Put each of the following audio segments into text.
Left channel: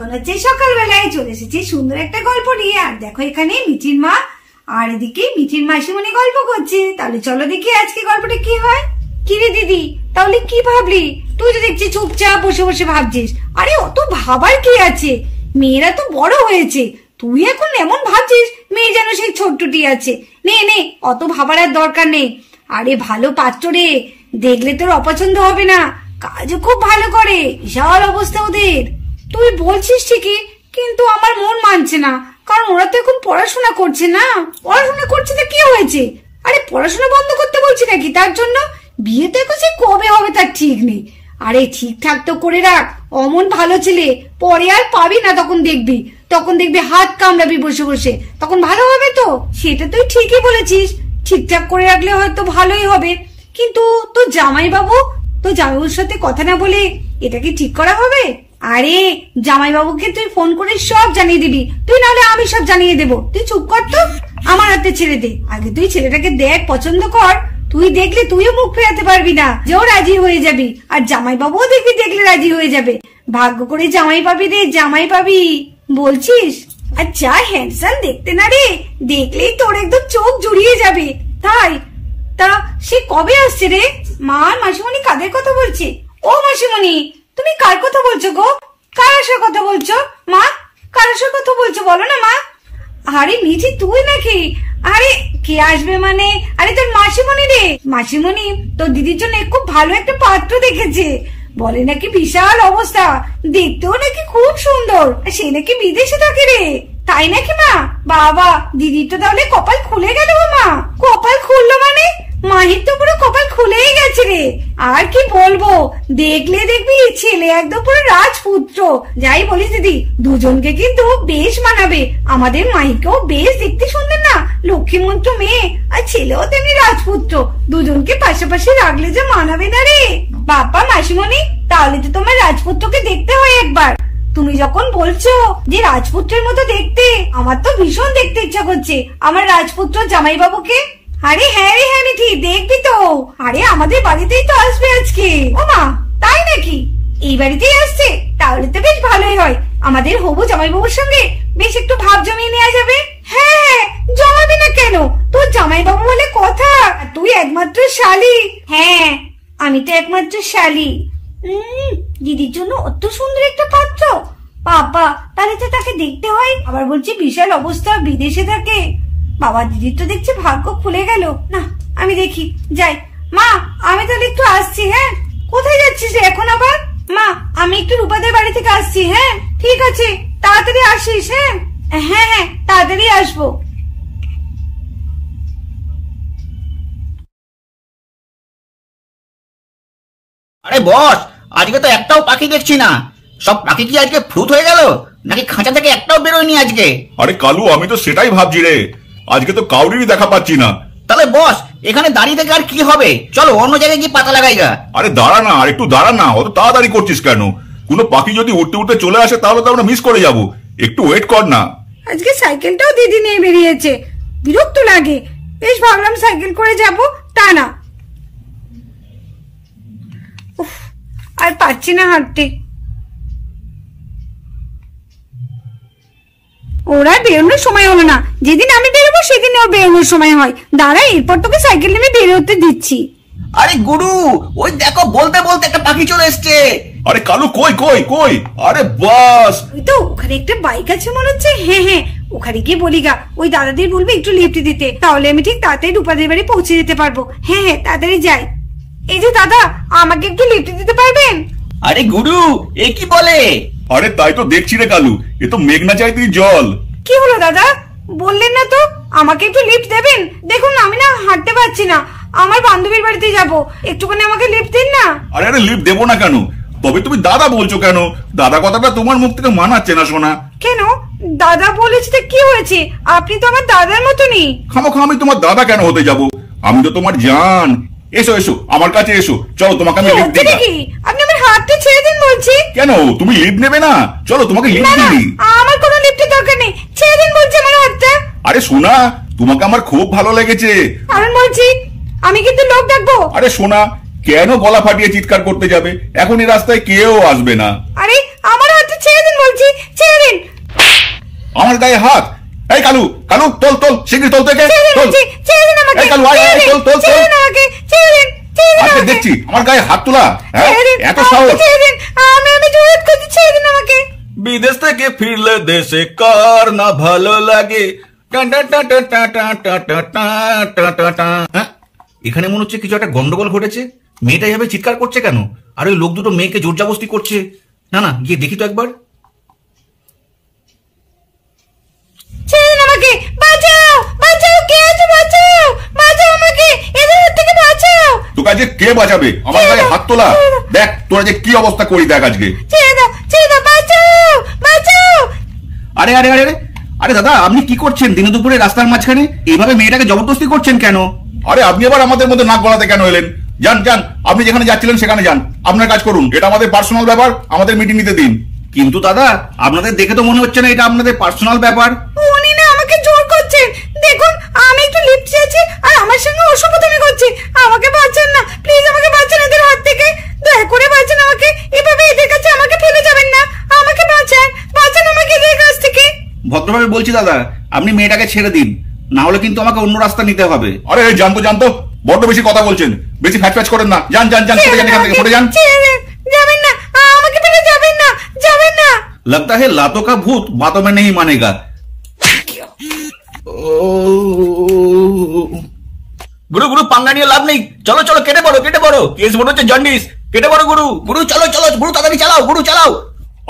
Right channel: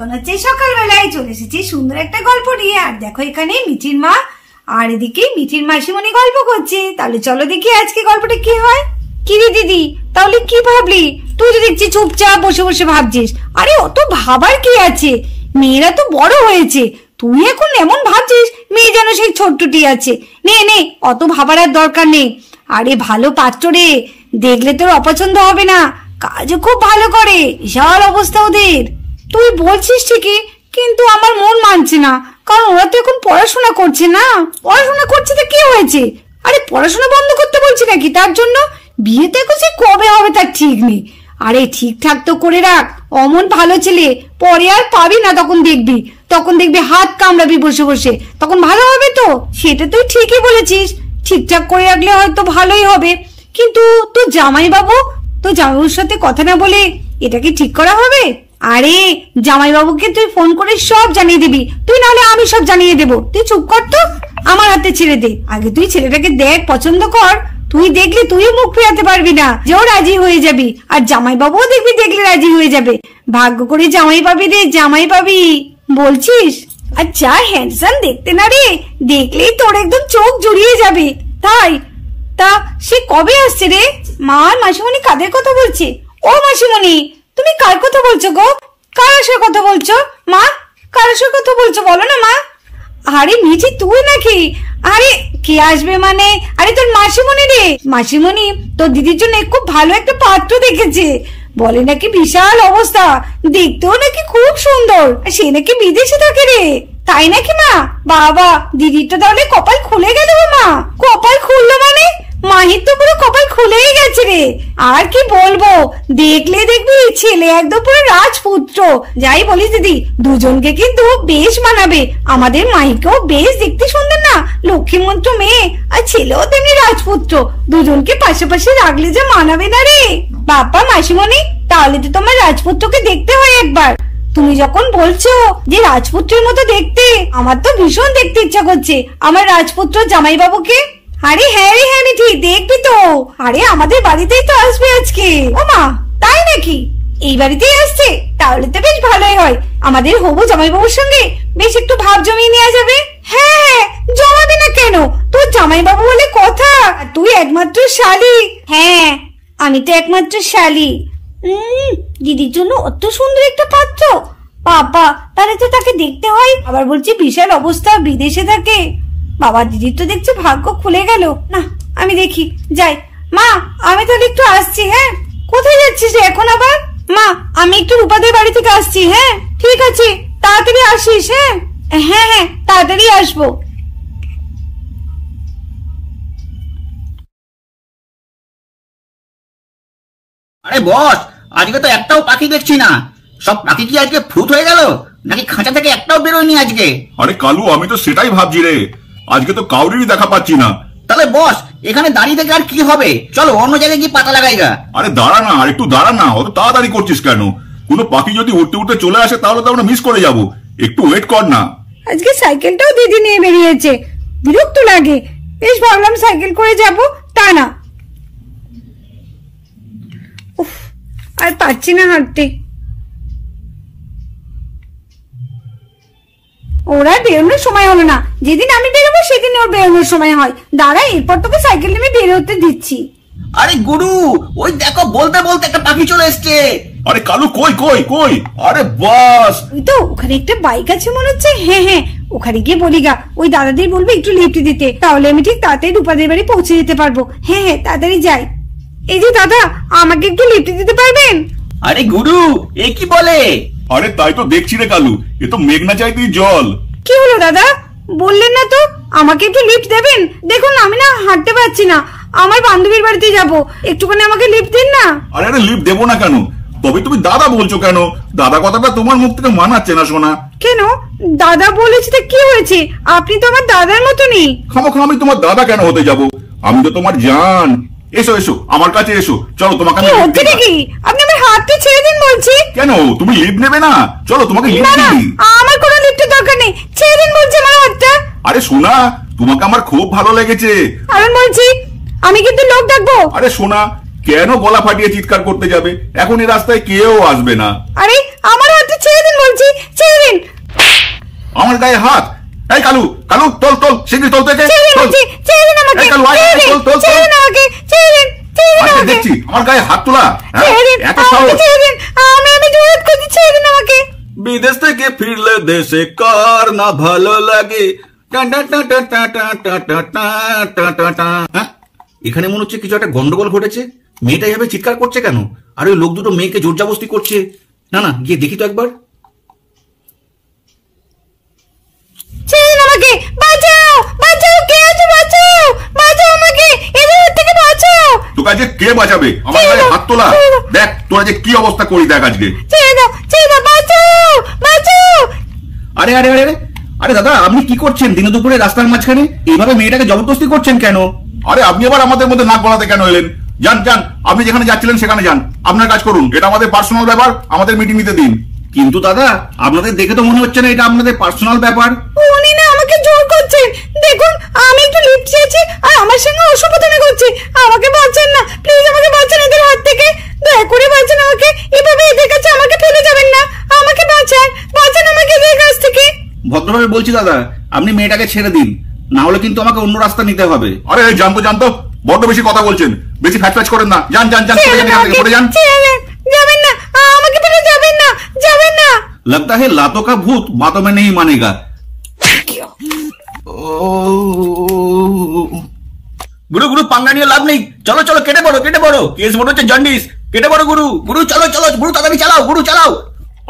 এখন হচ্ছে সকালবেলায় চলে এসেছি সুন্দর একটা গল্প নিয়ে। আর দেখো এখানে মিঠির মা আর এদিকে মিঠির মাসিমণি গল্প করছে। তাহলে চলো দেখি আজকে গল্পটা কি হয়। কি রে দিদি, তাহলে কি ভাবলি? তুই তো দেখছি চুপচাপ বসে বসে ভাবছিস। আরে অত ভাবার কি আছে, মেয়েরা তো বড় হয়েছে, তুই এখন এমন ভাবছিস মেয়ে যেন সেই ছোট্টটি আছে। নে নে, অত ভাবার আর দরকার নেই। আরে ভালো পাত্র রে, দেখলে তোর অপছন্দ হবে না, কাজও খুব ভালো করে, বিশাল অবস্থা ওদের। তুই বলছিস ঠিকই, কিন্তু আমার মন মানছে না, কারণ ওরা তো এখন পড়াশোনা করছে না। পড়াশোনা করছে তো কি হয়েছে? আরে পড়াশোনা বন্ধ করতে বলছি নাকি তার জন্য? বিয়ে তো এখন সে কবে হবে তার ঠিক নেই। আরে ঠিকঠাক তো করে রাখ, অমন ভালো ছেলে পরে আর পাবি না, তখন দেখবি হাত কামড়াবি বসে বসে, তখন ভালো হবে তো। সেটা তুই ঠিকই বলেছিস, ঠিকঠাক করে রাখলে হয়তো ভালোই হবে। কিন্তু তোর জামাইবাবুর সাথে কথা না বলে এটা কি ঠিক করা হবে? আরে জামাইবাবুকে তুই ফোন করে সব জানিয়ে দিবি, তুই নাহলে আমি সব জানিয়ে দেবো। তুই চুপ কর তো, আমার হাতে ছেড়ে দে। আগে তুই ছেলেটাকে দেখ, পছন্দ কর। তুই দেখলে তুইও মুখ ফেরাতে পারবি না, যেও রাজি হয়ে যাবি। আর জামাইবাবুও দেখলে রাজি হয়ে যাবে। ভাগ্য করে জামাই পাবি রে, জামাই পাবি। বলছিস? আচ্ছা হ্যান্ডসাম দেখতে না রে, দেখলেই তোর একদম চোখ জুড়িয়ে যাবে। তাই? তা সে কবে আসছে রে? মা আর মাসিমণি কাদের কথা বলছে? ও মাসিমণি, তুমি কার কথা বলছো গো? কার আসার কথা বলছো? মা কার আসার কথা বলছো বলো না মা। আরে মিঠি তুই নাকি? আরে কে আসবে মানে? আরে তোর মাসিমণি রে। মাসিমণি তোর দিদির জন্য খুব ভালো একটা পাত্র দেখেছে, বলে নাকি বিশাল অবস্থা, দেখতেও নাকি খুব সুন্দর, সে নাকি বিদেশে থাকে রে। তাই নাকি মা? বাবা, দিদির তো তাহলে কপাল খুলে গেল। মা কপাল খুললো মানে? মাহির তো পুরো কপাল খুলেই গেছে রে। আর কি বলবো, দেখলে দেখবি ছেলে একদম পুরো রাজপুত্র। যাই বলিস দিদি, দুজনকে কিন্তু বেশ মানাবে। আমাদের মাহিকেও বেশ দেখতে সুন্দর না, লক্ষ্মীমন্ত মেয়ে, আর ছেলেও তেমনি রাজপুত্র। দুজনকে পাশাপাশি রাখলে যে মানাবে না রে। বাবা মাসিমণি, তাহলে তো তোমার রাজপুত্রকে দেখতে হয় একবার। তুমি যখন বলছো যে রাজপুত্রের মতো দেখতে, আমার তো ভীষণ দেখতে ইচ্ছা করছে আমার রাজপুত্র জামাইবাবুকে। আরে হ্যাঁ রে হ্যাঁ মিঠি, দেখবি তো। আরে আমাদের বাড়িতেই তো আসবে আজকে। ও মা, তাই নাকি? এই বাড়িতেই আসছে? তাহলে তো বেশ ভালোই হয়, আমাদের হবু জামাইবাবুর সঙ্গে বেশ একটু ভাব জমিয়ে নেওয়া যাবে। হ্যাঁ, জমাবে না কেন? তোর জামাইবাবু বলে কথা, তুই একমাত্র শালি। হ্যাঁ, আমি তো একমাত্র শালি। দিদির জন্য অত সুন্দর একটা পাত্র, বাবা, তাহলে তো তাকে দেখতে হয়। আবার বলছি বিশাল অবস্থা, বিদেশে থাকে। বাবা, দিদির তো দেখছি ভাগ্য খুলে গেল। না, আমি দেখি, যাই। মা আমি তাহলে একটু আসছি। হ্যাঁ, কোথায় যাচ্ছিস এখন আবার? মা আমি একটু রূপাদের বাড়ি থেকে আসছি। হ্যাঁ ঠিক আছে, তাড়াতাড়ি আসিস। হ্যাঁ হ্যাঁ হ্যাঁ, তাড়াতাড়ি আসবো। আরে বস, আজকে তো একটাও পাখি দেখছি না। সব পাখি কি আজকে ফ্রুট হয়ে গেল, নাকি খাঁচা থেকে একটাও বেরোয়নি আজকে? আরে কালু, আমি তো সেটাই ভাবছি রে, আজকে তো কাউরিরই দেখা পাচ্ছি না। তাহলে বস, এখানে দাঁড়িয়ে থেকে আর কি হবে? চলো অন্য জায়গায় গিয়ে পাতা লাগাই গা। আরে দাঁড়া না, আর একটু দাঁড়া না, অত তাড়াতাড়ি করছিস কেন? কোনো পাখি যদি উঠতে উঠতে চলে আসে তাহলে তো আমরা মিস করে যাব, একটু ওয়েট কর না। আজকে সাইকেলটাও দিদি নিয়ে বেরিয়েছে, বিরক্ত লাগে। বেশ ভাবলাম সাইকেল করে যাব, তা না। উফ, আর পাচ্ছি না হাঁটতে। ওরা বেরোনোর সময় হলো না, যেদিন আমি বেরোবো সেদিন ওর বেরোনোর সময় হয়। দাঁড়া, এরপর তোকে সাইকেল নিয়ে বেরোতে দিচ্ছি। আরে গুরু, ওই দেখো বলতে বলতে একটা পাখি চলে এসছে। আরে কালু, কই কই কই? আরে বাস, ওই তো ওখানে একটা বাইক আছে মনে হচ্ছে। হ্যাঁ হ্যাঁ, ওখানে গিয়ে বলি গা, ওই দাদাদের বলবো একটু লিফট দিতে, তাহলে আমি ঠিক তাড়াতাড়ি রূপাদের বাড়ি পৌঁছে যেতে পারবো। হ্যাঁ হ্যাঁ, তাড়াতাড়ি যাই। এই যে দাদা, আমাকে একটু লিফট দিতে পারবেন? আরে গুরু, এ কি বলে? আরে তাই তো দেখছি রে কালু, এ তো মেঘনা চাইতেই জল। কি হলো দাদা, বললেন না তো আমাকে একটু লিফট দেবেন? দেখুন আমি না হাঁটতে পারছি না, আমার বান্ধবীর বাড়িতে যাবো, একটুখানি আমাকে লিফট দিন না। আরে আরে, লিফট দেবো না কেন? তবে তুমি দাদা বলছো কেন? দাদা কথাটা তোমার মুখ থেকে মানাচ্ছে না শোনা। কেন দাদা বলেছি তো কি হয়েছে? আপনি তো আমার দাদার মতনই। খামোখা আমি তোমার দাদা কেন হতে যাব? আমি তো তোমার জান। এসো এসো, আমার কাছে এসো, চলো তোমাকে আমি লিফট দিই। নাকি আপনি আমার হাতটা ছেড়ে দিন বলছি। কেন, তুমি লিফট নেবে না? চলো তোমাকে লিফট দিই। আমার কোনো লিফটের দরকার নেই, ছেড়ে দিন বলছি আমার হাতটা। আরে সোনা, তোমাকে আমার খুব ভালো লেগেছে। আমি বলছি আমি কিন্তু লোক ডাকবো। আরে সোনা, কেন গলা ফাটিয়ে চিৎকার করতে যাবে? এখন এই রাস্তায় কেউ আসবে না। আরে আমার হাতটা ছেড়ে দিন বলছি, ছেড়ে দিন। আমার গায়ে হাত! এই কালু, কালু তোল তোল, শিগগির তোল থেকে তোল। ছেড়ে দিন আমাকে, এই কালু আয়, আয়, তোল তোল ছেড়ে তোল। দিন আমাকে, ছেড়ে দিন, ছেড়ে দিন আজকে আমাকে। দেখছি আমার গায়ে হাত তোলা, হ্যাঁ? ছেড়ে দিন, এত আমাকে সাহস! ছেড়ে দিন, আমি জোর করছি, ছেড়ে দিন আমাকে। বিদেশ থেকে ফিরলে দেশে কার না ভালো লাগে। হ্যাঁ, এখানে মনে হচ্ছে কিছু একটা গন্ডগোল ঘটেছে। মেয়েটা এভাবে চিৎকার করছে কেন? আর ওই লোক দুটো মেয়েকে জোর জবরদস্তি করছে। না না, গিয়ে দেখি তো একবার। ছেড়ে দিন আমাকে, বাঁচাও, বাঁচাও, কে আছে, বাঁচাও, বাঁচাও আমাকে, এদের থেকে বাঁচাও। তোকে আজকে কে বাঁচাবে? আমার গায়ে হাত তোলা! দেখ তোরা যে কি অবস্থা করি দেখ আজকে। ছেড়ে দাও, ছেড়ে দাও, বাঁচাও, বাঁচাও। আরে আরে আরে আরে, আরে দাদা আপনি কি করছেন দিনে দুপুরে রাস্তার মাঝখানে? এইভাবে মেয়েটাকে জবরদস্তি করছেন কেন? আরে আপনি আবার আমাদের মধ্যে নাক গলাতে কেন এলেন? যান যান, আপনি যেখানে যাচ্ছিলেন সেখানে যান, আপনার কাজ করুন। এটা আমাদের পার্সোনাল ব্যাপার, আমাদের মিটিং নিতে দিন। কিন্তু দাদা আপনাদের দেখে তো মনে হচ্ছে না এটা আপনাদের পার্সোনাল ব্যাপার। উনি না আমাকে জোর করছেন। দেখুন আমি একটু লিফট চেয়েছি আর আমার সঙ্গে অসভ্যতামি করছে। আমাকে বাঁচান না, প্লিজ আমাকে বাঁচান এদের হাত থেকে, দয়া করে বাঁচান আমাকে। এভাবে এদের কাছে আমাকে ফেলে যাবেন না, আমাকে বাঁচান, বাঁচান আমাকে এদের কাছ থেকে। ভদ্রভাবে বলছি দাদা, আপনি মেয়েটাকে ছেড়ে দিন, না হলে কিন্তু আমাকে অন্য রাস্তা নিতে হবে। আরে জানতো জানতো, বড্ড বেশি কথা বলছেন, বেশি ফ্যাচ ফ্যাচ করেন না। যান যান যান, সরে যান এখান থেকে, সরে যান। যাবেন না, আমাকে ফেলে যাবেন না, যাবেন না। लगता है लातों का भूत बातों में नहीं मानेगा। গুরু গুরু, পাঙ্গা নিয়ে লাভ নেই। চলো চলো, কেটে পড়ো কেটে পড়ো। কেস মনে হচ্ছে জন্ডিস। কেটে পড়ো গুরু। গুরু চলো চলো, গুরু তাড়াতাড়ি চালাও, গুরু চালাও।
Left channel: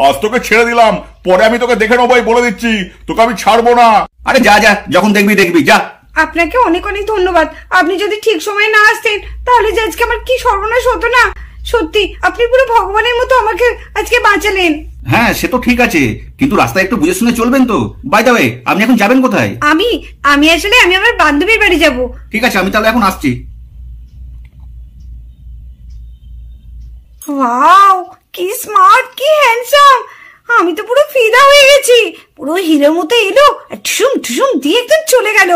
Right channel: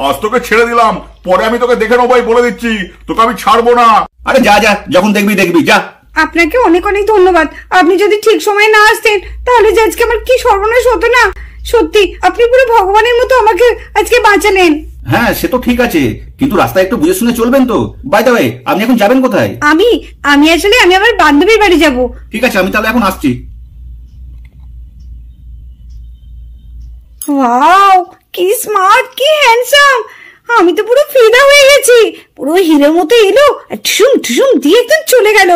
আজ তোকে ছেড়ে দিলাম, পরে আমি তোকে দেখে নেবো, বলে দিচ্ছি, তোকে আমি ছাড়বো না। আরে যা যা, যখন দেখবি দেখবি, যা। আপনাকে অনেক অনেক ধন্যবাদ। আপনি যদি ঠিক সময়ে না আসতেন তাহলে যে আজকে আমার কি সর্বনাশ হতো না। সত্যি আপনি পুরো ভগবানের মতো আমাকে আজকে বাঁচালেন। হ্যাঁ সে তো ঠিক আছে, কিন্তু রাস্তায় একটু বুঝে শুনে চলবেন তো। বাই দ্য ওয়ে, আপনি এখন যাবেন কোথায়? আমি আসলে আমি আমার বান্ধবীর বাড়ি যাব। ঠিক আছে, আমি তাহলে এখন আসছি। ওয়াও, কি স্মার্ট, কি হ্যান্ডসাম। আমি তো পুরো ফিদা হয়ে গেছি। পুরো হিরোর মতো এলো, ঠুসুম ঠুসুম দিয়ে একদম চলে গেল।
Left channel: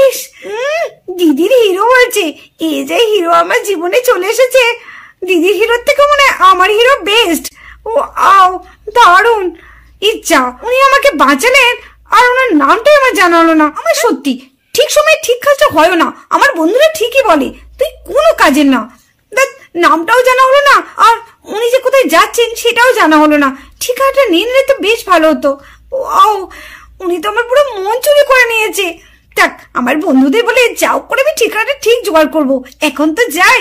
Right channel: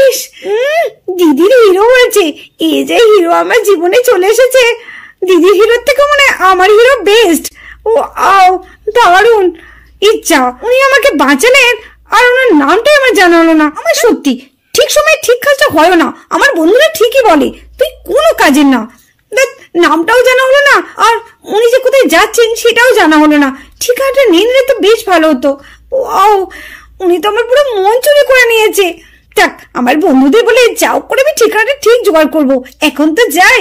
ইস, দিদির হিরো হয়েছে। এই যে হিরো আমার জীবনে চলে এসেছে। দিদির হিরোর থেকে মনে আমার হিরো বেস্ট। ও আও, দারুণ। ইচ্ছা উনি আমাকে বাঁচালেন, আর ওনার নামটাই আমার জানা হলো না। আমার সত্যি ঠিক সময় ঠিক কাজটা হয় না। আমার বন্ধুরা ঠিকই বলে তুই কোনো কাজের না। নামটাও জানা হলো না, আর উনি যে কোথায় যাচ্ছেন সেটাও জানা হলো না। ঠিকানাটা নিয়ে নিলে তো বেশ ভালো হতো। ওয়াও, উনি তো আমার পুরো মন চুরি করে নিয়েছে। থাক, আমার বন্ধুদের বলে যাও করে আমি ঠিকানাটা ঠিক জোগাড় করবো। এখন তো যাই।